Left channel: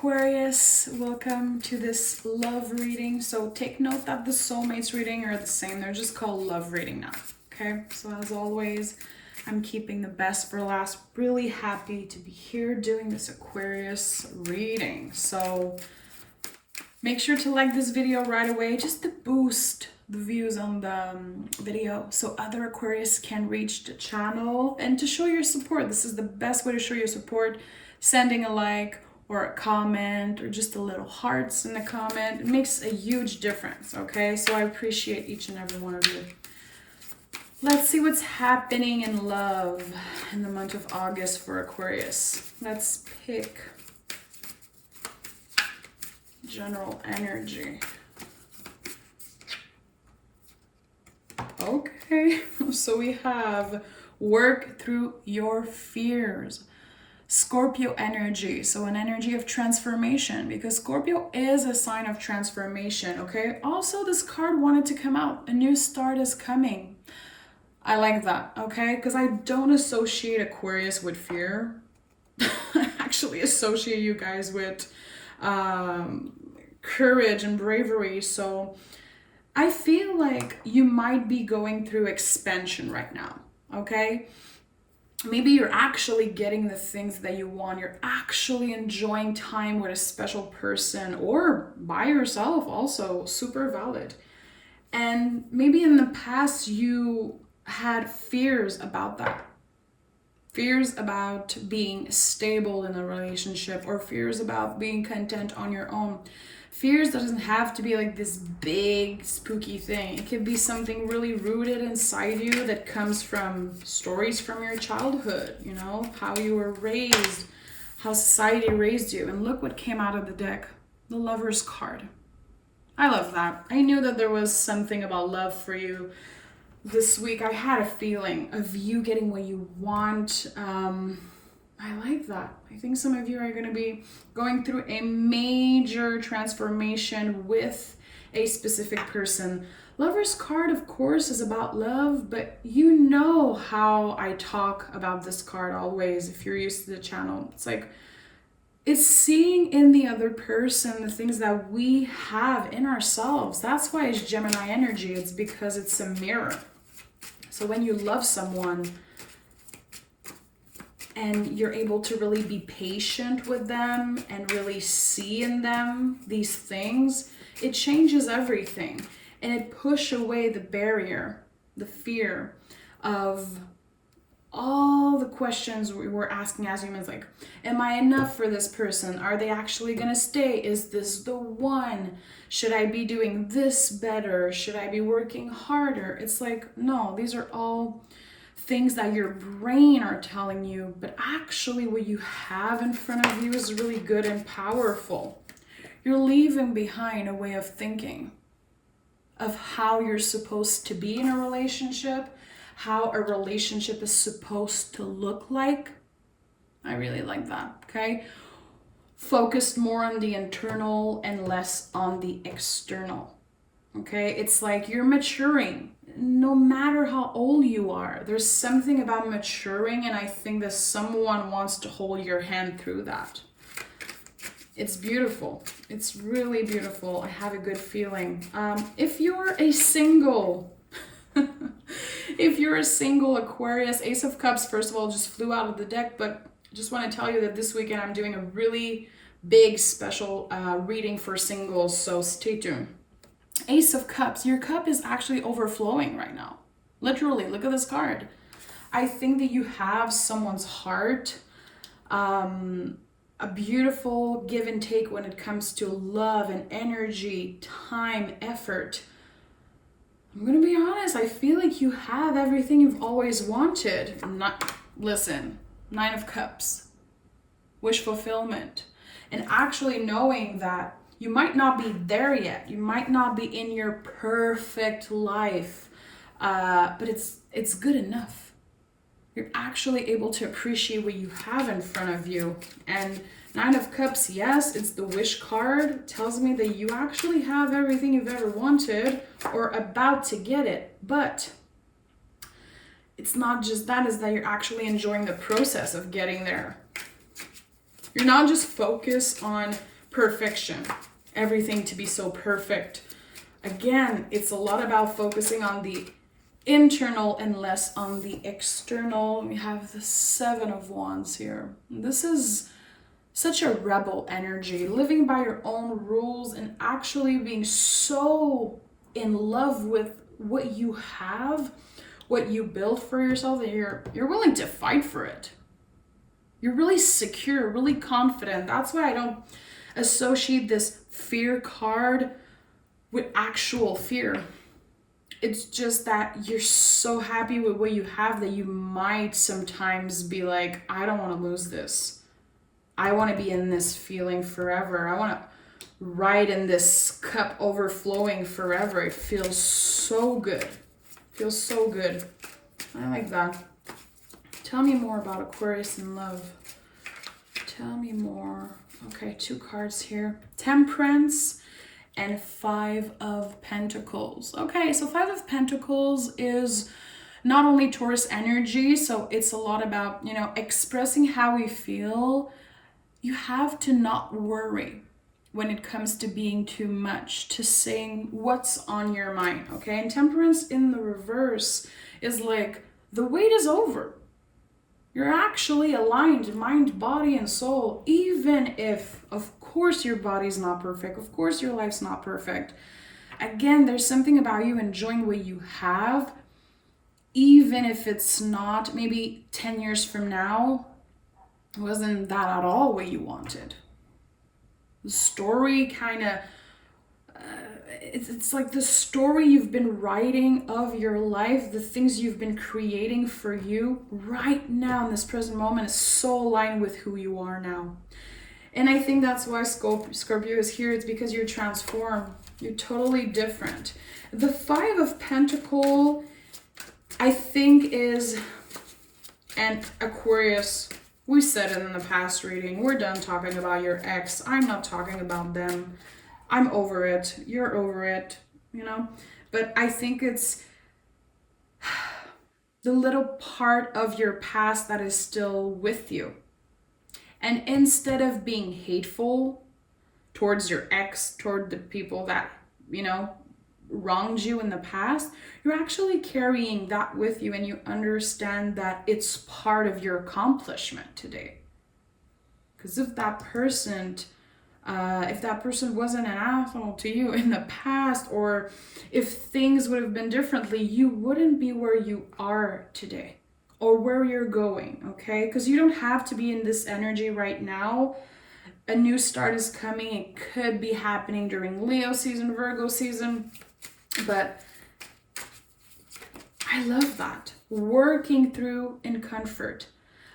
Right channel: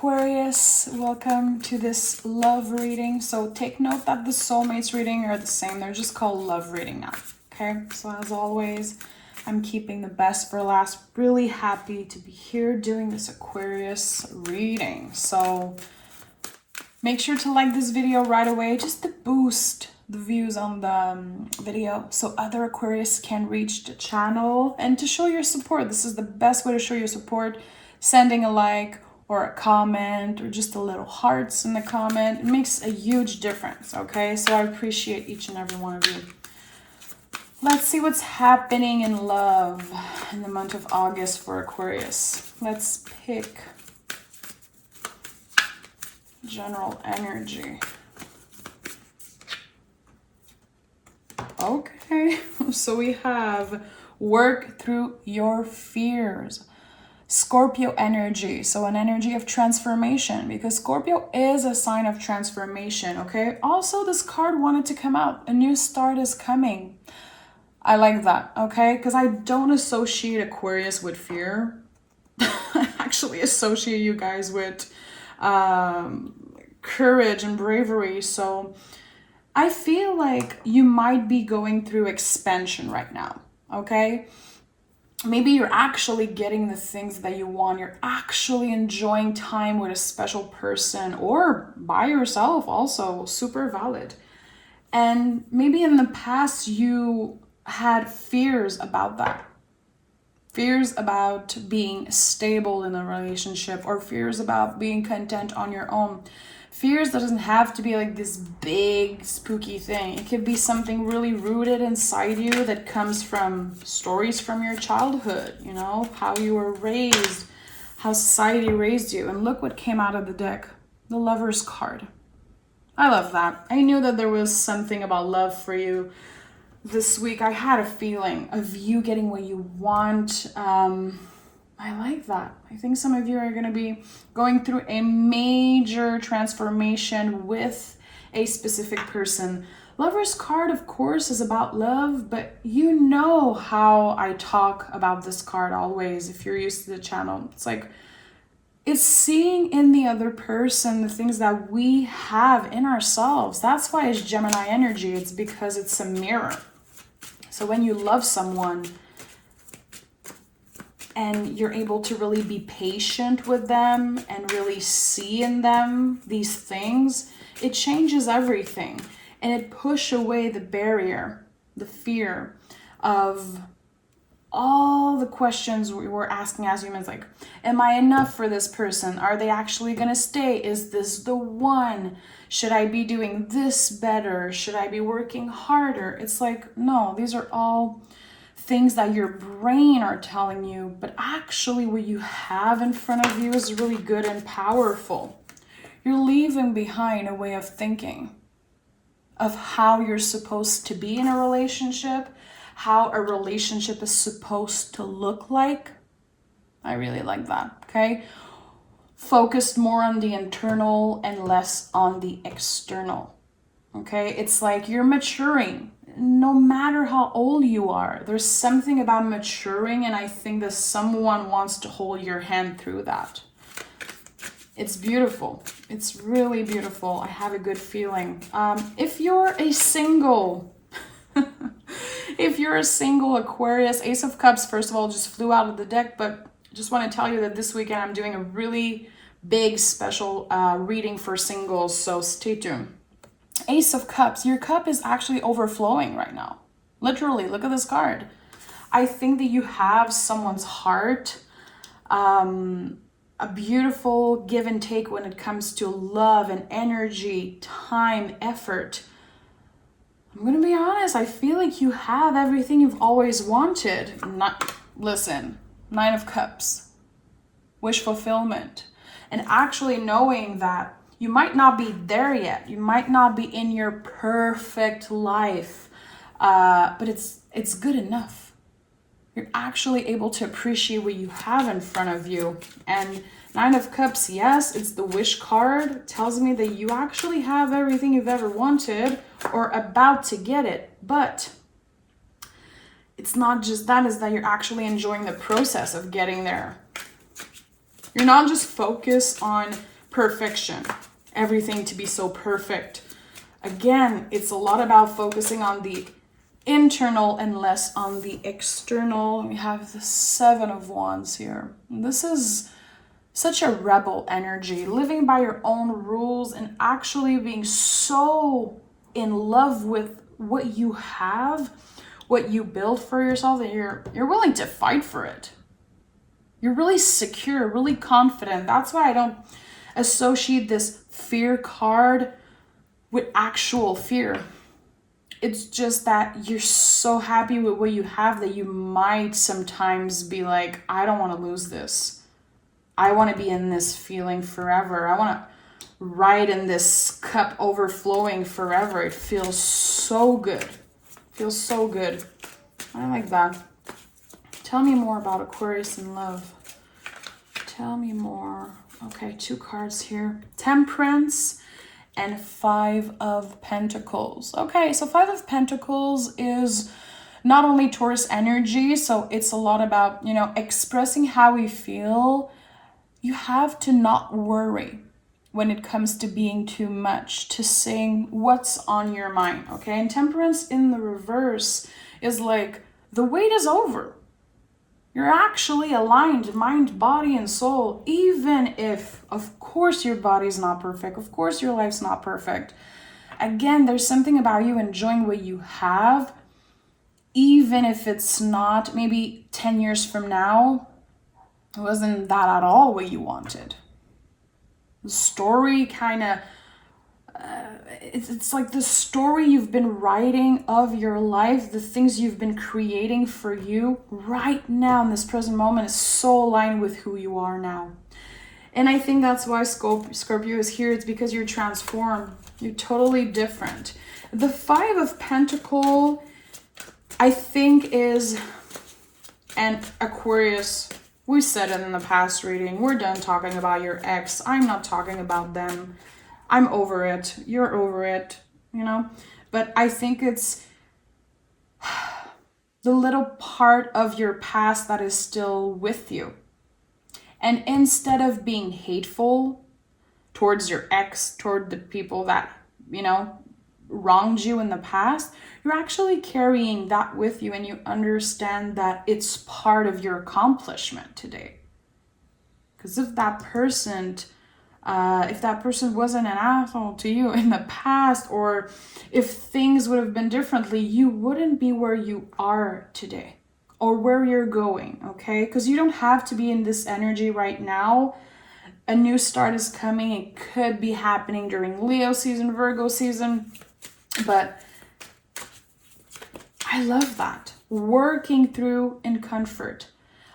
Aquarius, welcome to this love reading. So take note that the soulmates reading are the same. They're just called love reading now. Okay, so as always, I'm keeping the best for last. Really happy to be here doing this Aquarius reading. So make sure to like this video right away just to boost the views on the video so other Aquarius can reach the channel and to show your support. This is the best way to show your support. Sending a like or a comment or just a little hearts in the comment. It makes a huge difference, okay? So I appreciate each and every one of you. Let's see what's happening in love in the month of August for Aquarius. Let's pick general energy. Okay, so we have work through your fears. Scorpio energy, so an energy of transformation, because Scorpio is a sign of transformation, okay? Also, this card wanted to come out. A new start is coming. I like that, okay? Because I don't associate Aquarius with fear. I actually associate you guys with courage and bravery. So I feel like you might be going through expansion right now, okay? Maybe you're actually getting the things that you want. You're actually enjoying time with a special person or by yourself also, super valid. And maybe in the past you had fears about that. Fears about being stable in a relationship or fears about being content on your own. Fears doesn't have to be like this big spooky thing. It could be something really rooted inside you that comes from stories from your childhood, you know, how you were raised, how society raised you. And look what came out of the deck, the Lover's card. I love that. I knew that there was something about love for you this week. I had a feeling of you getting what you want. I like that. I think some of you are going to be going through a major transformation with a specific person. Lover's card, of course, is about love, but you know how I talk about this card always if you're used to the channel. It's like, it's seeing in the other person the things that we have in ourselves. That's why it's Gemini energy. It's because it's a mirror. So when you love someone, and you're able to really be patient with them and really see in them these things, it changes everything. And it pushes away the barrier, the fear of all the questions we were asking as humans, like, am I enough for this person? Are they actually gonna stay? Is this the one? Should I be doing this better? Should I be working harder? It's like, no, these are all things that your brain are telling you, but actually what you have in front of you is really good and powerful. You're leaving behind a way of thinking of how you're supposed to be in a relationship, how a relationship is supposed to look like. I really like that, okay? Focused more on the internal and less on the external, okay? It's like you're maturing. No matter how old you are, there's something about maturing, and I think that someone wants to hold your hand through that. It's beautiful. It's really beautiful. I have a good feeling. If you're a single, if you're a single Aquarius, Ace of Cups, first of all, just flew out of the deck, but I just want to tell you that this weekend I'm doing a really big special reading for singles, so stay tuned. Ace of Cups, your cup is actually overflowing right now. Literally, look at this card. I think that you have someone's heart, a beautiful give and take when it comes to love and energy, time, effort. I'm gonna be honest, I feel like you have everything you've always wanted. Listen, Nine of Cups, wish fulfillment, and actually knowing that you might not be there yet. You might not be in your perfect life, but it's good enough. You're actually able to appreciate what you have in front of you. And Nine of Cups, yes, it's the wish card. It tells me that you actually have everything you've ever wanted or about to get it. But it's not just that, is that you're actually enjoying the process of getting there. You're not just focused on perfection, everything to be so perfect. Again, it's a lot about focusing on the internal and less on the external. We have the Seven of Wands here. This is such a rebel energy, living by your own rules and actually being so in love with what you have, what you build for yourself, that you're willing to fight for it. You're really secure, really confident. That's why I don't associate this fear card with actual fear. It's just that you're so happy with what you have that you might sometimes be like, I don't want to lose this. I want to be in this feeling forever. I want to ride in this cup overflowing forever. It feels so good. Feels so good. I like that. Tell me more about Aquarius in love. Tell me more. Okay, 2 cards here. Temperance and 5 of Pentacles. Okay, so 5 of Pentacles is not only Taurus energy, so it's a lot about, you know, expressing how we feel. You have to not worry when it comes to being too much, to saying what's on your mind, okay? And Temperance in the reverse is like, the wait is over. You're actually aligned, mind, body, and soul, even if, of course, your body's not perfect. Of course, your life's not perfect. Again, there's something about you enjoying what you have, even if it's not, maybe 10 years from now, it wasn't that at all what you wanted. The story kind of, it's like the story you've been writing of your life, the things you've been creating for you right now in this present moment is so aligned with who you are now. And I think that's why Scorpio is here. It's because you're transformed. You're totally different. The 5 of Pentacles, I think, is an Aquarius. We said it in the past reading. We're done talking about your ex. I'm not talking about them. I'm over it. You're over it, you know? But I think it's the little part of your past that is still with you. And instead of being hateful towards your ex, toward the people that, you know, wronged you in the past, you're actually carrying that with you, and you understand that it's part of your accomplishment today. Because if that person wasn't an asshole to you in the past, or if things would have been differently, you wouldn't be where you are today or where you're going, okay? Because you don't have to be in this energy right now. A new start is coming. It could be happening during Leo season, Virgo season, but I love that. Working through in comfort.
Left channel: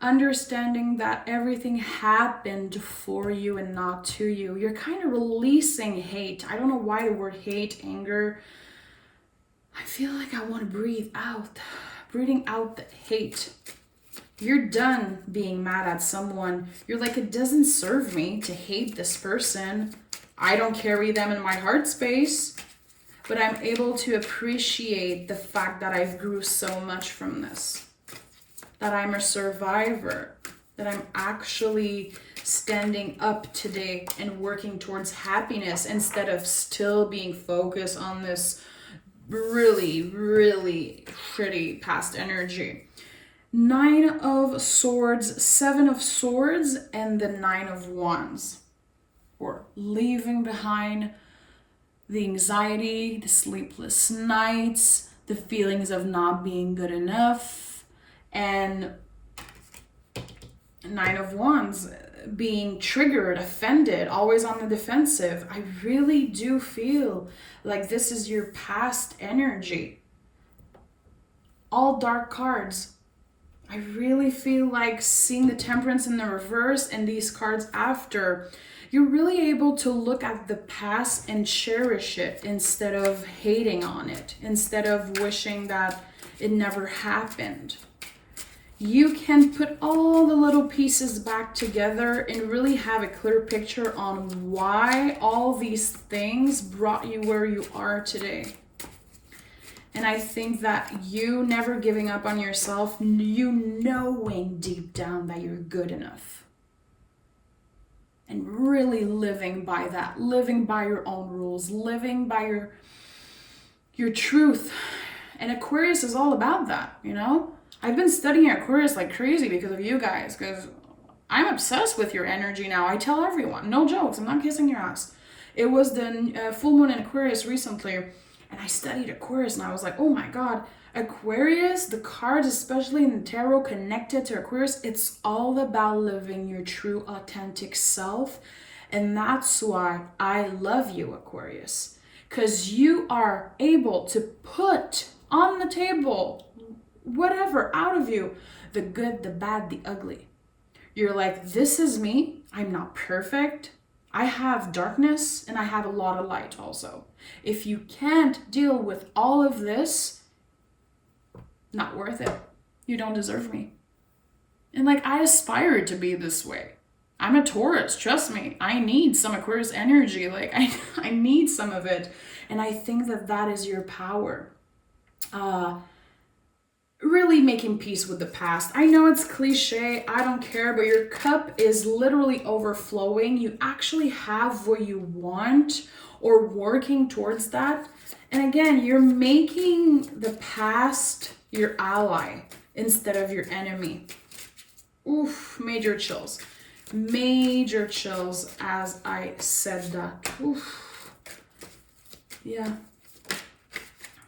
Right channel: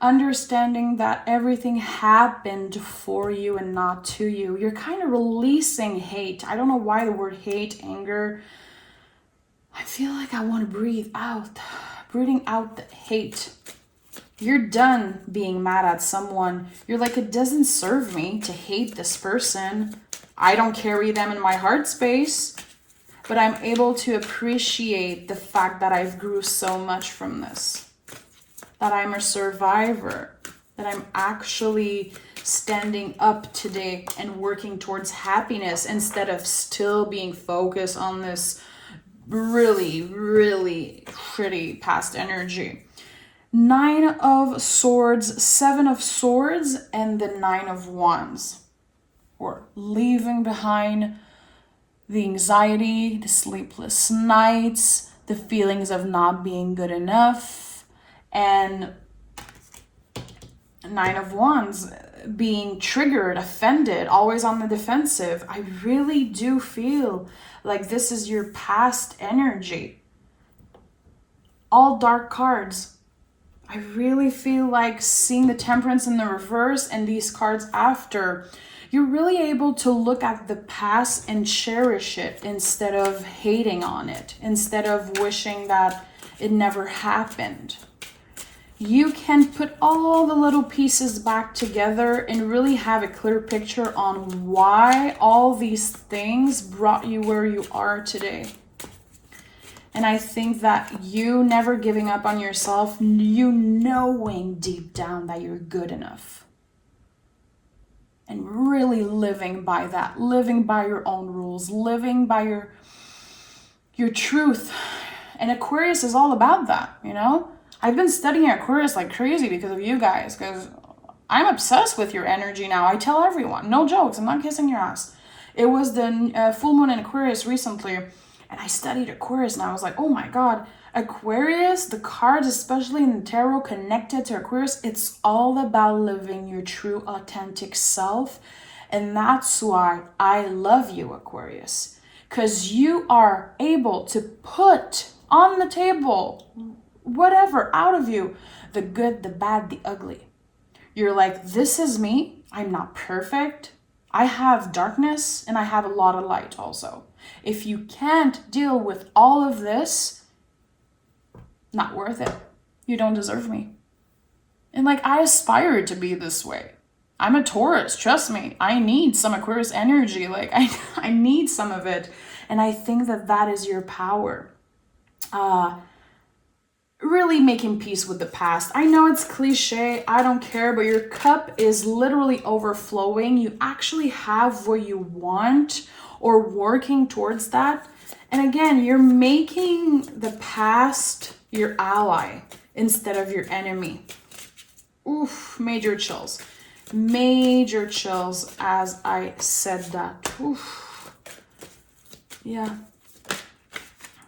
Understanding that everything happened for you and not to you. You're kind of releasing hate. I don't know why the word hate, anger. I feel like I want to breathe out. Breathing out the hate. You're done being mad at someone. You're like, it doesn't serve me to hate this person. I don't carry them in my heart space. But I'm able to appreciate the fact that I've grew so much from this. That I'm a survivor, that I'm actually standing up today and working towards happiness instead of still being focused on this really, really shitty past energy. 9 of Swords, 7 of Swords, and the 9 of Wands. We're leaving behind the anxiety, the sleepless nights, the feelings of not being good enough. And 9 of Wands, being triggered, offended, always on the defensive. I really do feel like this is your past energy. All dark cards. I really feel like seeing the Temperance in the reverse and these cards after, you're really able to look at the past and cherish it instead of hating on it, instead of wishing that it never happened. You can put all the little pieces back together and really have a clear picture on why all these things brought you where you are today. And I think that you never giving up on yourself, you knowing deep down that you're good enough. and really living by that, living by your own rules, living by your truth. And Aquarius is all about that, you know? I've been studying Aquarius like crazy because of you guys, because I'm obsessed with your energy now. I tell everyone, no jokes, I'm not kissing your ass. It was the full moon in Aquarius recently, and I studied Aquarius, and I was like, oh my God, Aquarius, the cards, especially in the tarot connected to Aquarius, it's all about living your true, authentic self. And that's why I love you, Aquarius, because you are able to put on the table whatever out of you, the good, the bad, the ugly. You're like, this is me. I'm not perfect. I have darkness and I have a lot of light also. If you can't deal with all of this, not worth it. You don't deserve me. And like, I aspire to be this way. I'm a Taurus, trust me. I need some Aquarius energy. Like, I need some of it. And I think that that is your power. Really making peace with the past. I know it's cliche, I don't care, but your cup is literally overflowing. You actually have what you want or working towards that. And again, you're making the past your ally instead of your enemy. Oof, major chills. Major chills as I said that. Oof. Yeah.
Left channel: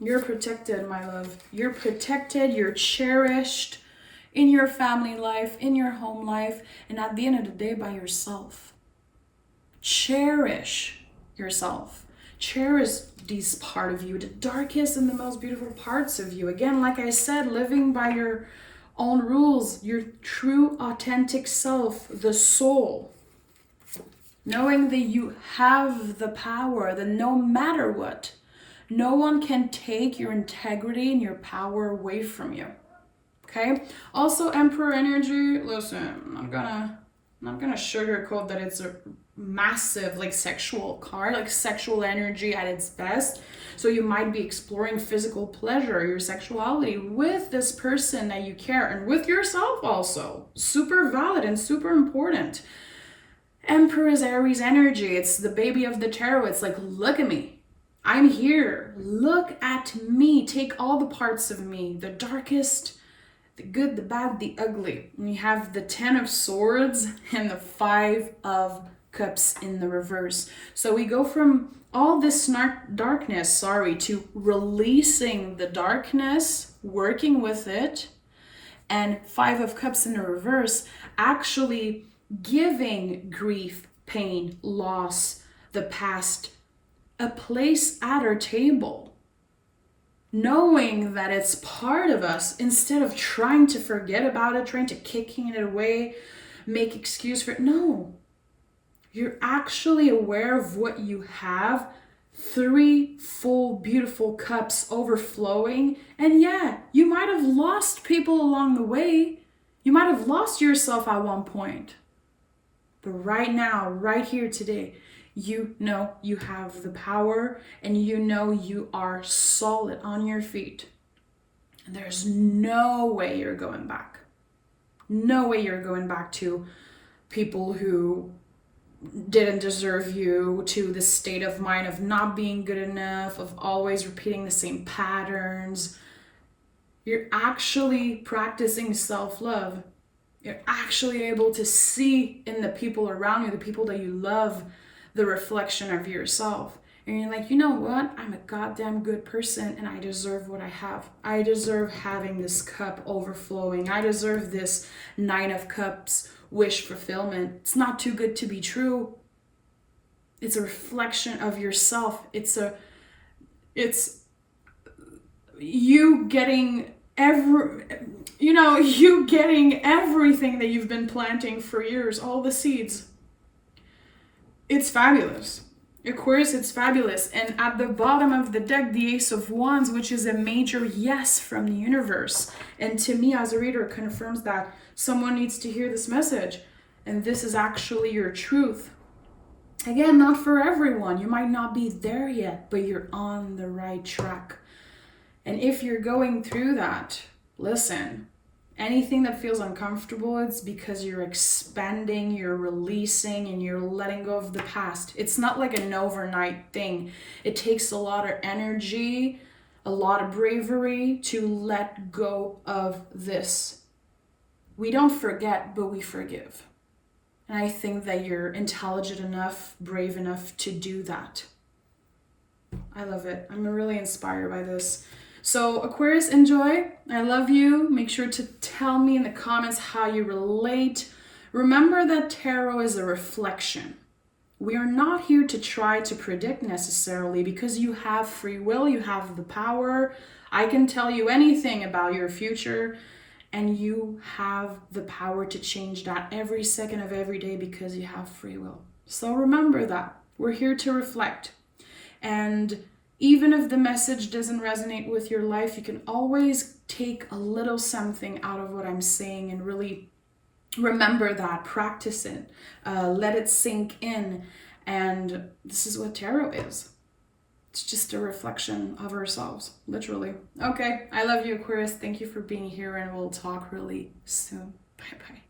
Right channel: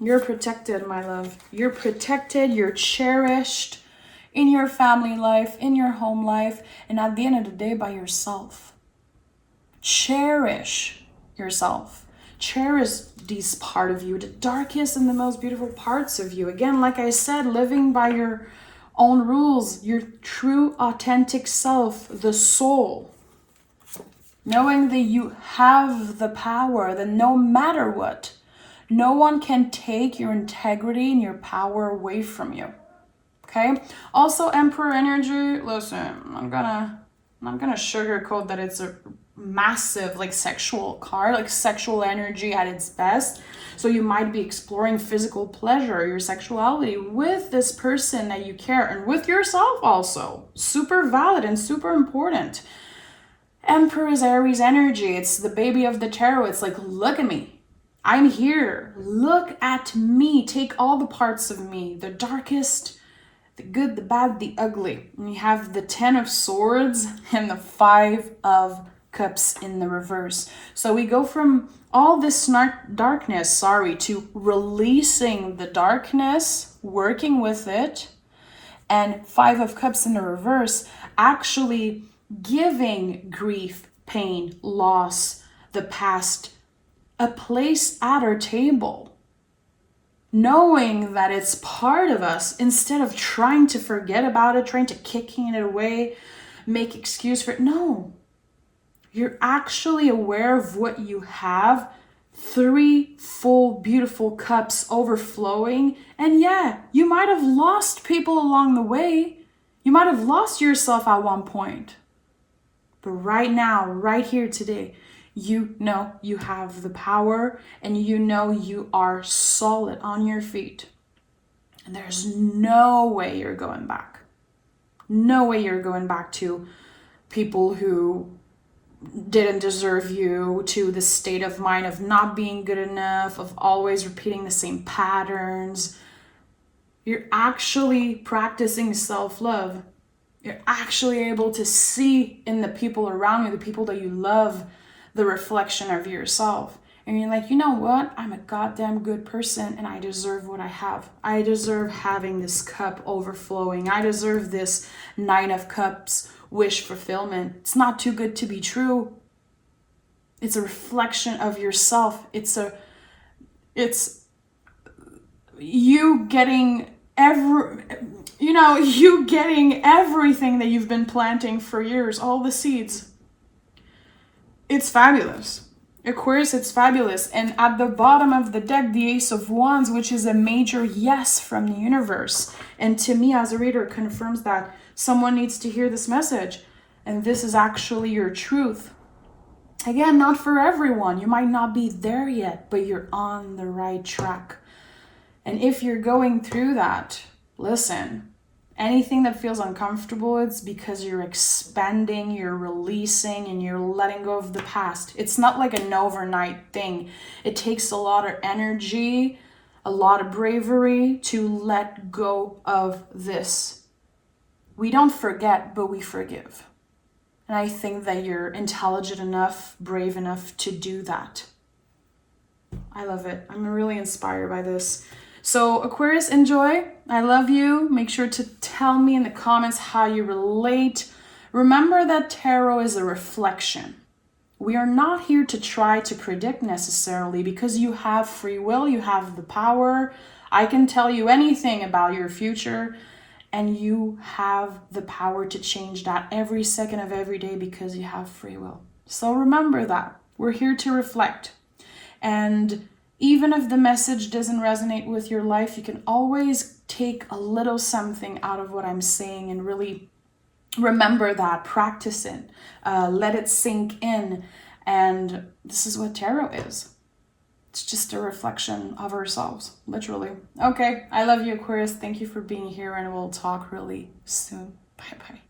You're protected, my love. You're protected, you're cherished in your family life, in your home life, and at the end of the day, by yourself. Cherish yourself. Cherish these part of you, the darkest and the most beautiful parts of you. Again, like I said, living by your own rules, your true, authentic self, the soul. Knowing that you have the power, that no matter what, no one can take your integrity and your power away from you. Okay? Also, Emperor energy, listen, I'm not gonna sugarcoat that it's a massive like sexual card, like sexual energy at its best. So you might be exploring physical pleasure, your sexuality with this person that you care, and with yourself also. Super valid and super important. Emperor is Aries energy. It's the baby of the tarot. It's like, look at me. I'm here. Look at me. Take all the parts of me, the darkest, the good, the bad, the ugly. And you have the 10 of Swords and the 5 of Cups in the reverse. So we go from all this darkness, to releasing the darkness, working with it, and 5 of Cups in the reverse, actually giving grief, pain, loss, the past, a place at our table, knowing that it's part of us instead of trying to forget about it, trying to kicking it away, make excuse for it. No, you're actually aware of what you have. 3 full, beautiful cups overflowing. And yeah, you might have lost people along the way. You might have lost yourself at one point. But right now, right here today, you know you have the power and you know you are solid on your feet. And there's no way you're going back. No way you're going back to people who didn't deserve you, to the state of mind of not being good enough, of always repeating the same patterns. You're actually practicing self-love. You're actually able to see in the people around you, the people that you love, the reflection of yourself. And you're like, you know what? I'm a goddamn good person and I deserve what I have. I deserve having this cup overflowing. I deserve this 9 of Cups wish fulfillment. It's not too good to be true. It's a reflection of yourself. It's you getting you getting everything that you've been planting for years, all the seeds. It's fabulous. Aquarius, it's fabulous. And at the bottom of the deck, the Ace of Wands, which is a major yes from the universe. And to me, as a reader, it confirms that someone needs to hear this message. And this is actually your truth. Again, not for everyone. You might not be there yet, but you're on the right track. And if you're going through that, listen, Anything that feels uncomfortable, it's because you're expanding, you're releasing, and you're letting go of the past. It's not like an overnight thing. It takes a lot of energy, a lot of bravery to let go of this. We don't forget, but we forgive. And I think that you're intelligent enough, brave enough to do that. I love it. I'm really inspired by this. So Aquarius, enjoy. I love you. Make sure to tell me in the comments how you relate. Remember that tarot is a reflection. We are not here to try to predict necessarily, because you have free will, you have the power. I can tell you anything about your future, and you have the power to change that every second of every day because you have free will. So remember that. We're here to reflect. And even if the message doesn't resonate with your life, you can always take a little something out of what I'm saying and really remember that, practice it, let it sink in. And this is what tarot is. It's just a reflection of ourselves, literally. Okay, I love you, Aquarius. Thank you for being here, and we'll talk really soon. Bye-bye.